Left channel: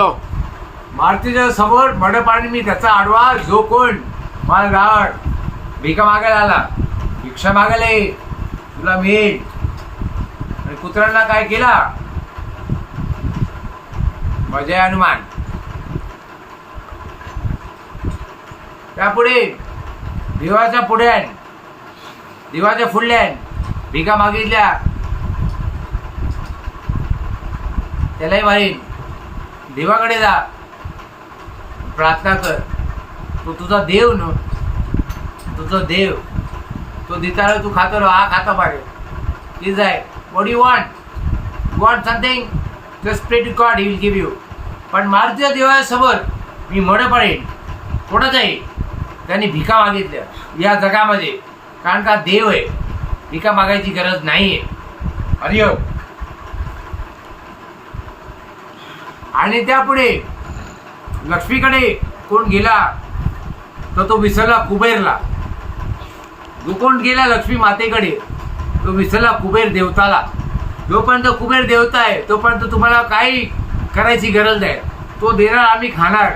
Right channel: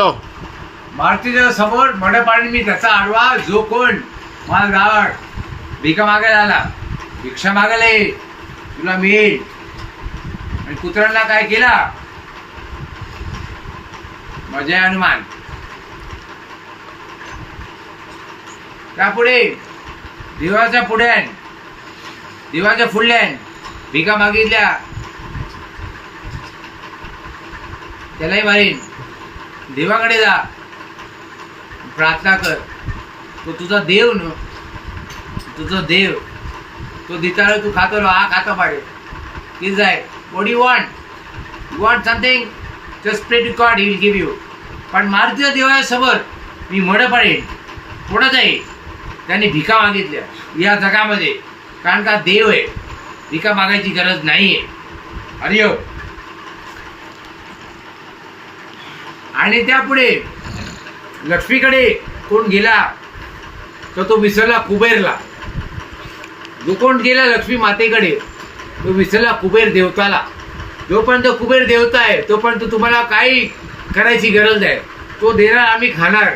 बोलो. मारुतीच्या समोर मडपाणी मी त्याचा आडवा जो कोण मला राड भिका मागायला आला, भिक्षा मागायला ये, तुला मिळेल. आणि कुत्र्यांना काय केला, मजा आहे हनुमान. त्यापुढे देवाच्या पुढ्यान देवाच्या फुडल्यान भिका मागितल्या, त्यालाही मारीन. देवाकडे जा, प्रार्थना कर. तो तुझा देव न, तुझा देव. तो दिताळ तू खातो, हा खाता पाडे की जाय. What you want, you want something, just pray to God, he will give you. पण मारुतीच्या देवासमोर मी मड पाडेन. कोणाच आहे, त्यांनी भिका मागितल्या या जगामध्ये, कारण का देव आहे. भिका मागायची गरज नाही आहे. हरिओम. आणि त्यापुढे लक्ष्मीकडे कोण गेला तर तो विसरला कुबेरला. जो कोण गेला लक्ष्मी मातेकडे तो विसरला कुबेर देवताला. जोपर्यंत कुबेर देवता आहे तोपर्यंत तुम्हाला काही करायची गरज आहे. तो देणार, आम्ही खाणार,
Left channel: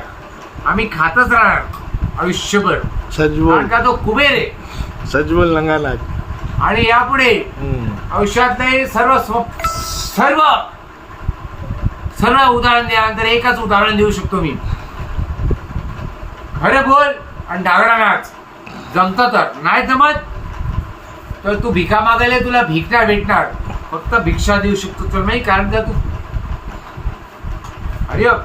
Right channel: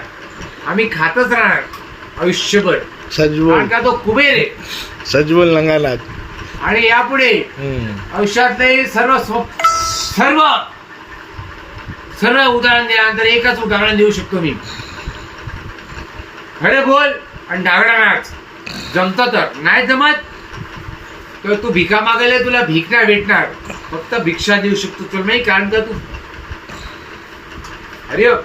आम्ही खातच राहणार आयुष्यभर. कारण का तो कुबेर आहे. सजबोल नंगानाथ. आणि यापुढे आयुष्यातले सर्व सर्व सर्व उदाहरण द्यानंतर एकच उदाहरण देऊ शकतो मी. खरं बोल आणि डागडा नाच. जमतं तर, नाही जमत तर तू भिका मागायला तुला भीक नाही भेटणार, फक्त भिक्षा देऊ शकतो तुला नाही. कारण का तू हरिओम.